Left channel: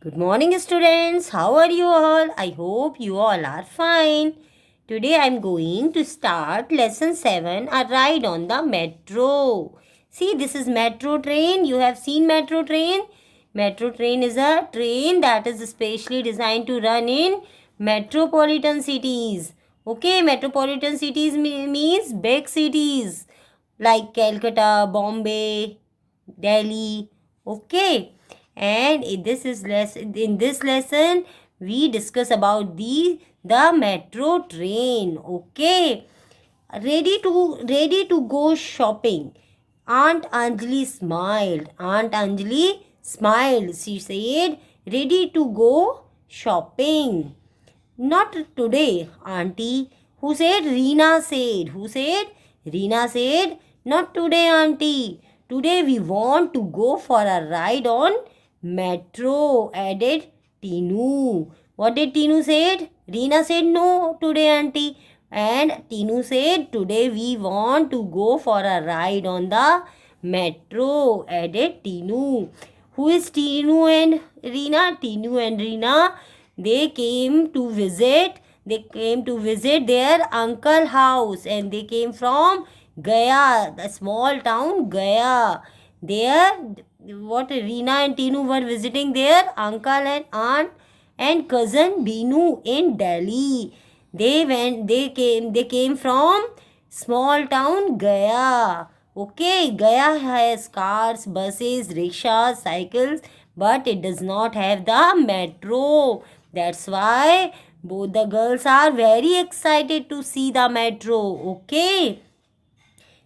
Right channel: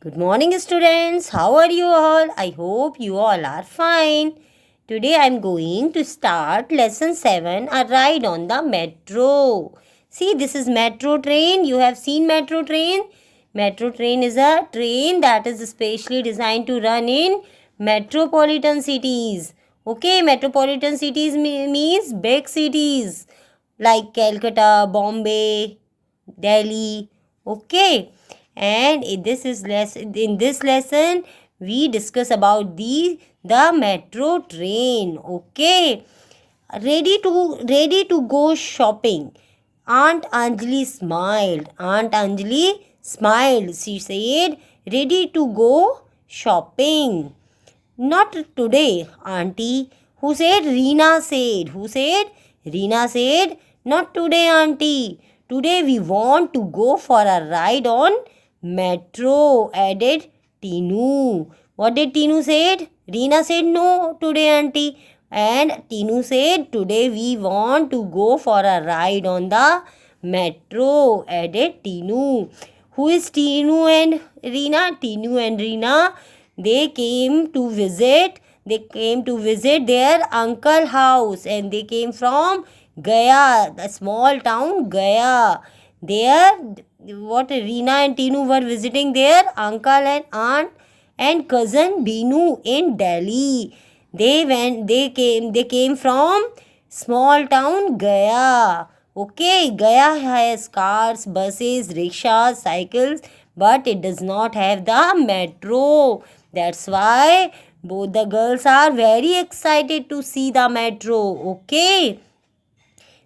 Good morning, students. How are you all? I hope you all are fine. Today I am going to start lesson 7, a ride on the metro. See, this is metro train. You have seen metro train. Metro train is a train that is specially designed to run in metropolitan cities. Okay, metropolitan cities means big cities like Calcutta, Bombay, Delhi. Okay, and in this lesson we discuss about the metro train. Okay, ready to go shopping. Aunt Anjali smiled. Aunt Anjali smiled. She said, "Ready to go shopping." Not today, auntie. Who said? Reena said. Who said? Reena said, not today, auntie. Today we want to go for a ride on metro, added Tinu. What did Tinu said? Reena said, no, today, auntie. And Tinu said, today we want to go for a ride on the metro, added Tinu. Who is Tinu and Reena? Tinu and Reena, they came to visit their uncle house, and they came from Gaya, the small town Gaya. There, what Reena and Tinu were visiting their uncle and aunt and cousin Binu in Delhi. They came from small town Gaya. Okay, Gaya has cars, buses, rickshaws, cycles, but it does not have the metro. That's why both the girls are very excited to see the metro. Okay,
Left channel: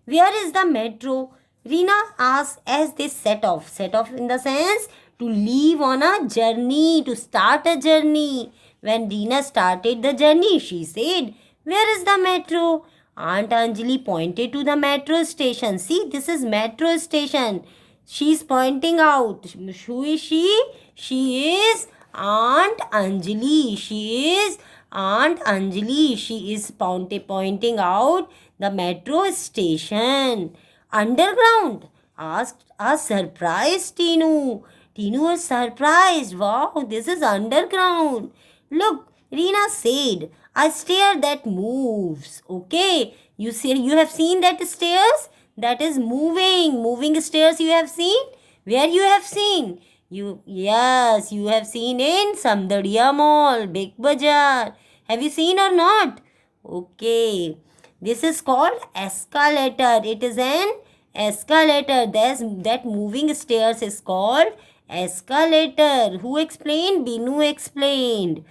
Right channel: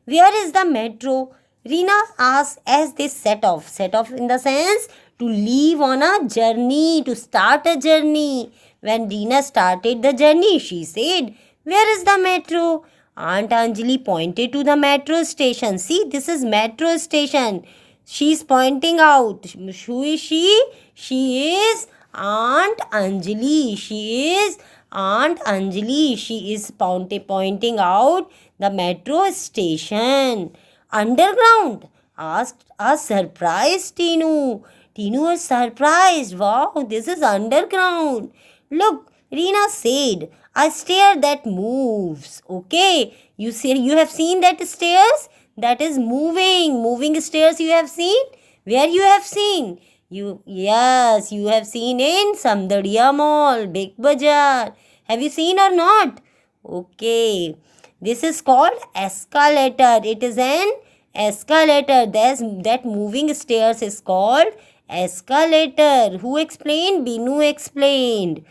where is the metro? Reena asked as they set off. Set off in the sense to leave on a journey, to start a journey. When Reena started the journey, she said, where is the metro? Aunt Anjali pointed to the metro station. See, this is metro station. She's pointing out. Who is she? She is Aunt Anjali. She is Aunt Anjali. She is pointing out the metro station. Underground? Asked a surprised Tinu. Tinu was surprised. Wow, this is underground. Look, Reena said, a stair that moves. Okay, you have seen that stairs that is moving stairs you have seen. Where you have seen? Yes, you have seen in Samdadiya Mall, Big Bazaar. Have you seen or not? Okay, this is called escalator. It is an escalator. That moving stairs is called escalator. Who explained? Binu explained.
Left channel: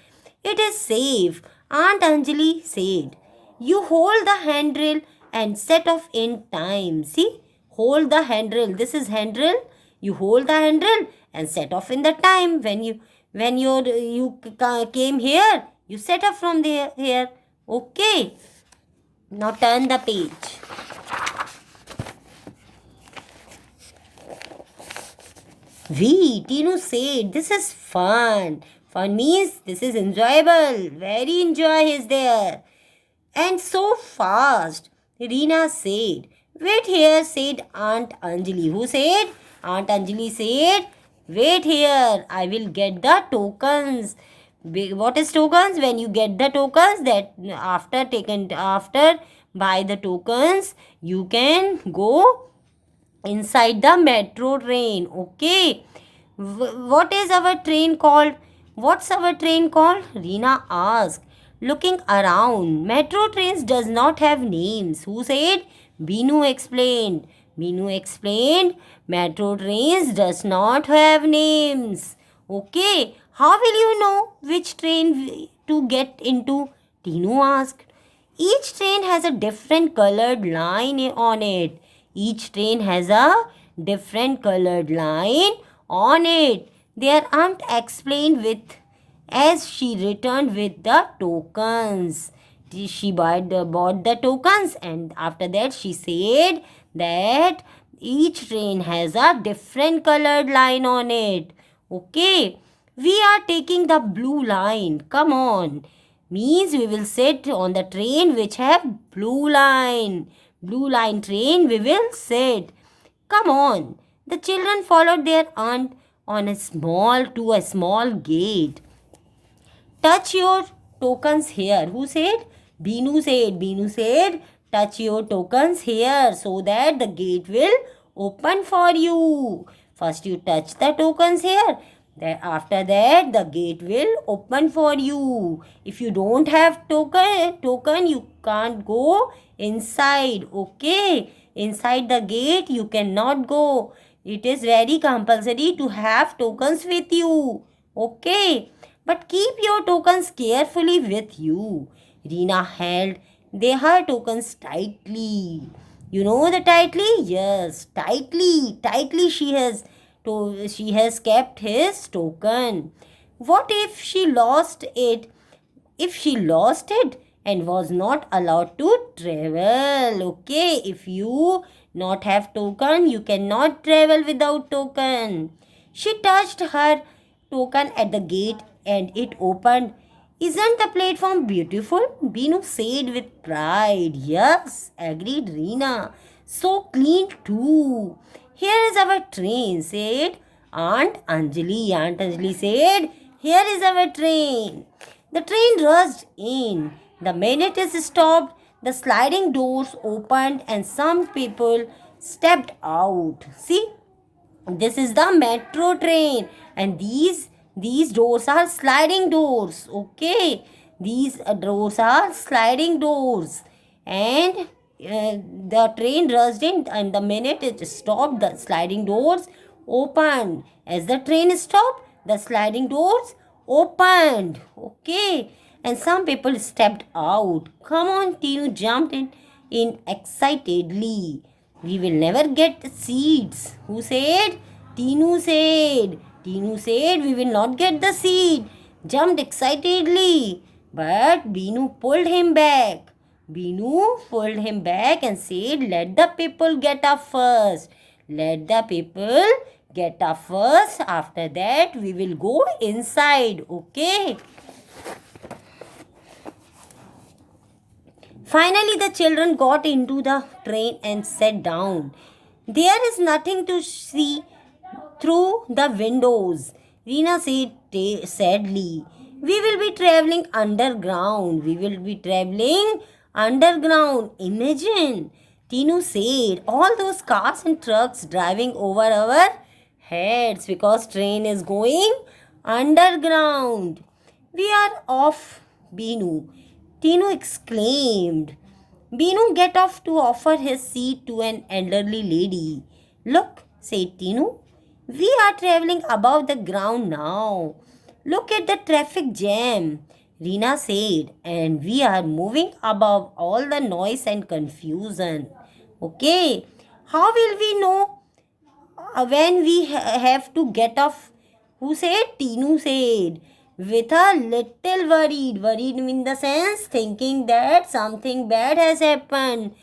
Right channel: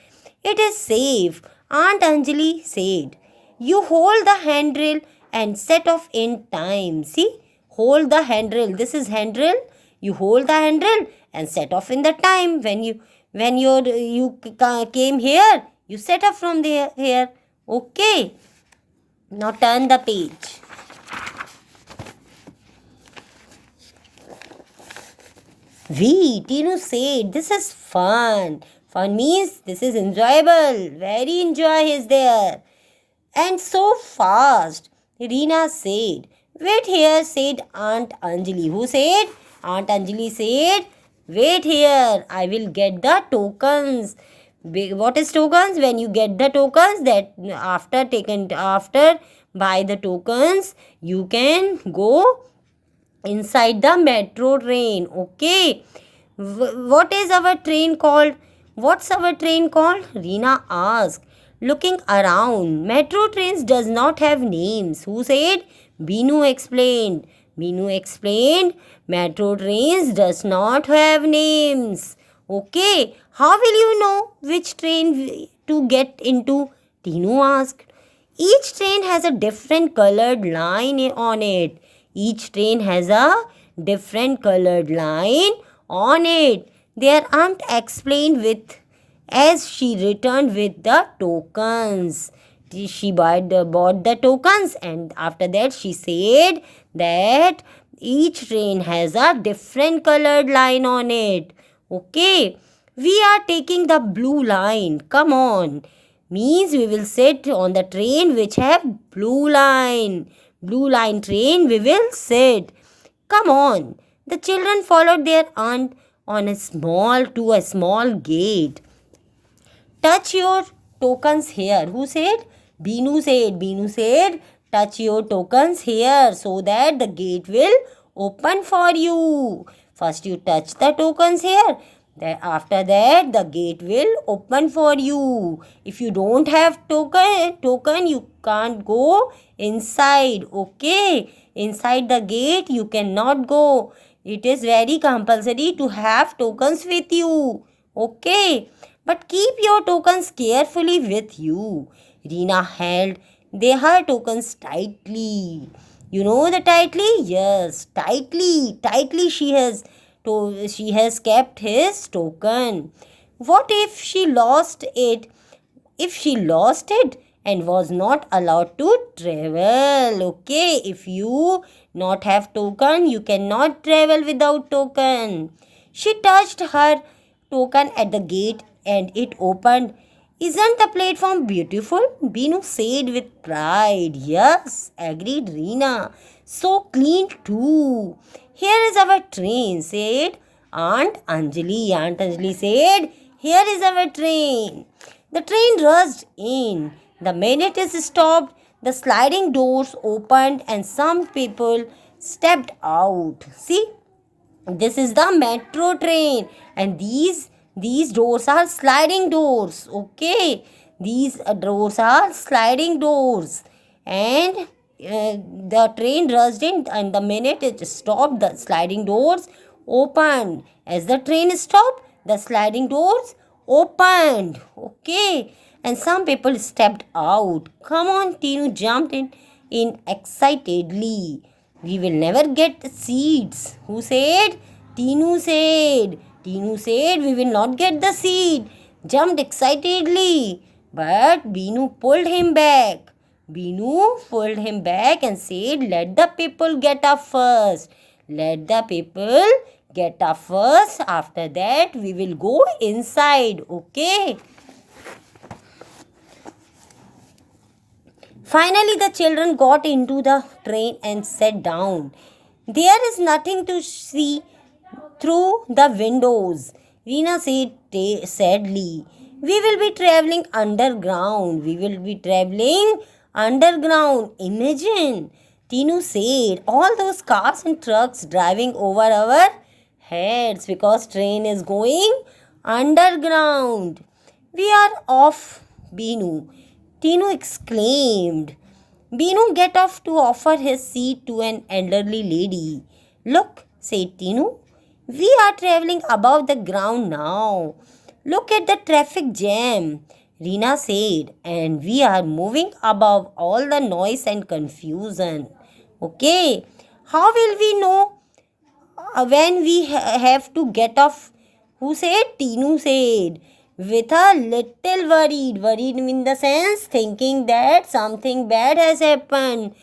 It is safe, Aunt Anjali said. You hold the handrail and set off in time. See, hold the handrail. This is handrail. You hold the handrail and set off in the time. When you came here, you set off from there here. Okay. Now turn the page. Tinu said, this is fun. Fun means this is enjoyable. Very enjoy is there. And so fast. Reena said. Wait here, said Aunt Anjali. Who said? Aunt Anjali said, wait here. I will get the tokens. What is tokens? When you get the tokens, that after buy the tokens, you can go inside the metro train. Okay, what is our train called? What's our train called? Reena asked, looking around. Metro trains does not have names. Who said? Binu explained. Metro trains does not have names. Okay, how will you know which train to get into? Tinu asked. Each train has a different colored line on it. Each train has a different colored line on it. Their aunt explained with as she returned with the tokens. She bought the tokens, and after that she said that each train has a different colored line on it. Okay, we are taking the blue line. Come on. Means we will sit on the train which have blue line. Blue line train we will sit. Come on. The children followed their aunt on a small gate. Touch your tokens here. Who said? Binu said. Binu said, touch your tokens here so that the gate will open for you. First you touch the tokens here. Then after that the gate will open for you. If you don't have token you can't go inside. Okay. Inside the gate you cannot go. It is very compulsory to have tokens with you. Okay. But keep your tokens carefully with you. Reena held her tokens tightly. You know the tightly? Yes, tightly she has kept his token. What if she lost it? If she lost it and was not allowed to travel, okay? If you not have token, you cannot travel without token. She touched her token at the gate and it opened. Isn't the platform beautiful? Binu said with pride. Yes, agreed Reena. So clean too. Here is our train, said Aunt Anjali. Aunt Anjali said, here is our train. The train rushed in. The minute it stopped, the sliding doors opened and some people stepped out. See, this is the metro train and these doors are sliding doors. Okay, these doors are sliding doors and the train rushed in and the minute it stopped the sliding doors opened. As the train stopped the sliding doors opened. Okay, and some people stepped out. Come on, Tinu jumped in excitedly. We will never get seats. Who said? Tinu said. Tinu said we will not get the seat. Jumped excitedly. But Binu pulled him back. Binu pulled him back and said, let the people get up first. Let the people get up first. After that, we will go inside. Okay. Finally, the children got into the train and sat down. There is nothing to see through the windows, Reena said sadly. We will be traveling underground. We will be traveling underground. Imagine, Tinu said, all those cars and trucks driving over our heads because train is going underground. We are off, Binu. Tinu exclaimed. Binu get off to offer his seat to an elderly lady. Look, said Tinu, we are traveling above the ground now. Look at the traffic jam, Reena said, and we are moving above all the noise and confusion. Okay, how will we know when we have to get off? Who said? Tinu said. With a little worried in the sense thinking that something bad has happened.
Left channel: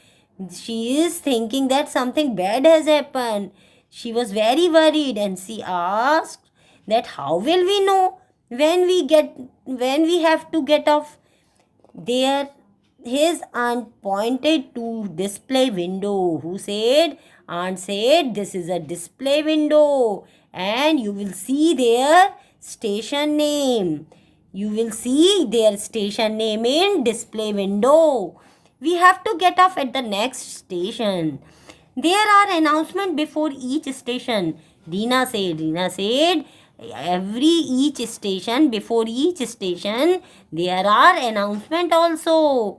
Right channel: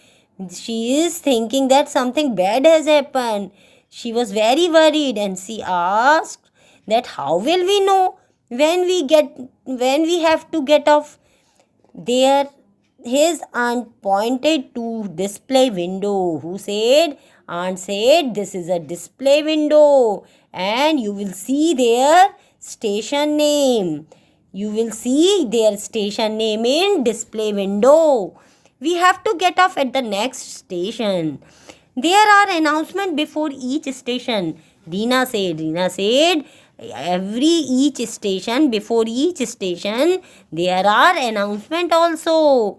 She is thinking that something bad has happened. She was very worried and she asked that how will we know when we have to get off? There his aunt pointed to display window. Who said? Aunt said this is a display window and you will see there station name. You will see their station name in display window. We have to get off at the next station. There are announcements before each station. Reena said, each station, before each station, there are announcements also.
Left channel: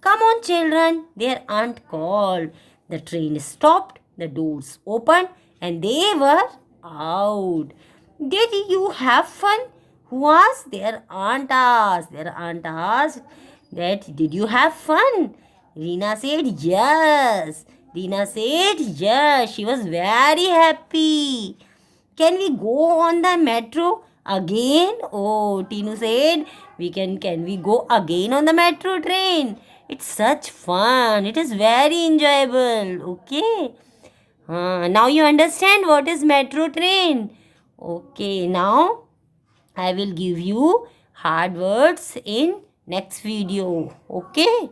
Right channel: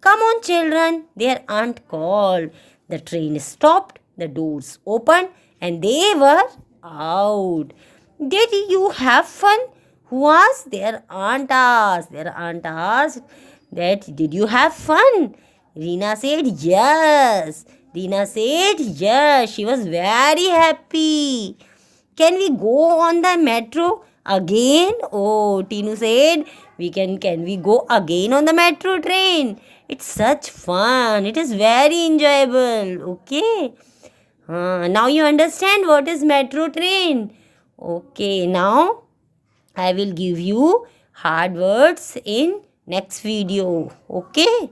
Come on, children, their aunt called. The train stopped, the doors opened, and they were out. Did you have fun? Who asked? Their aunt asked. Their aunt asked that, did you have fun? Reena said, yes. Reena said, yes. She was very happy. Can we go on the metro again? Oh, Tinu said, can we go again on the metro train? It's such fun. It is very enjoyable. Okay. Now you understand what is metro train. Okay, now I will give you hard words in next video. Okay.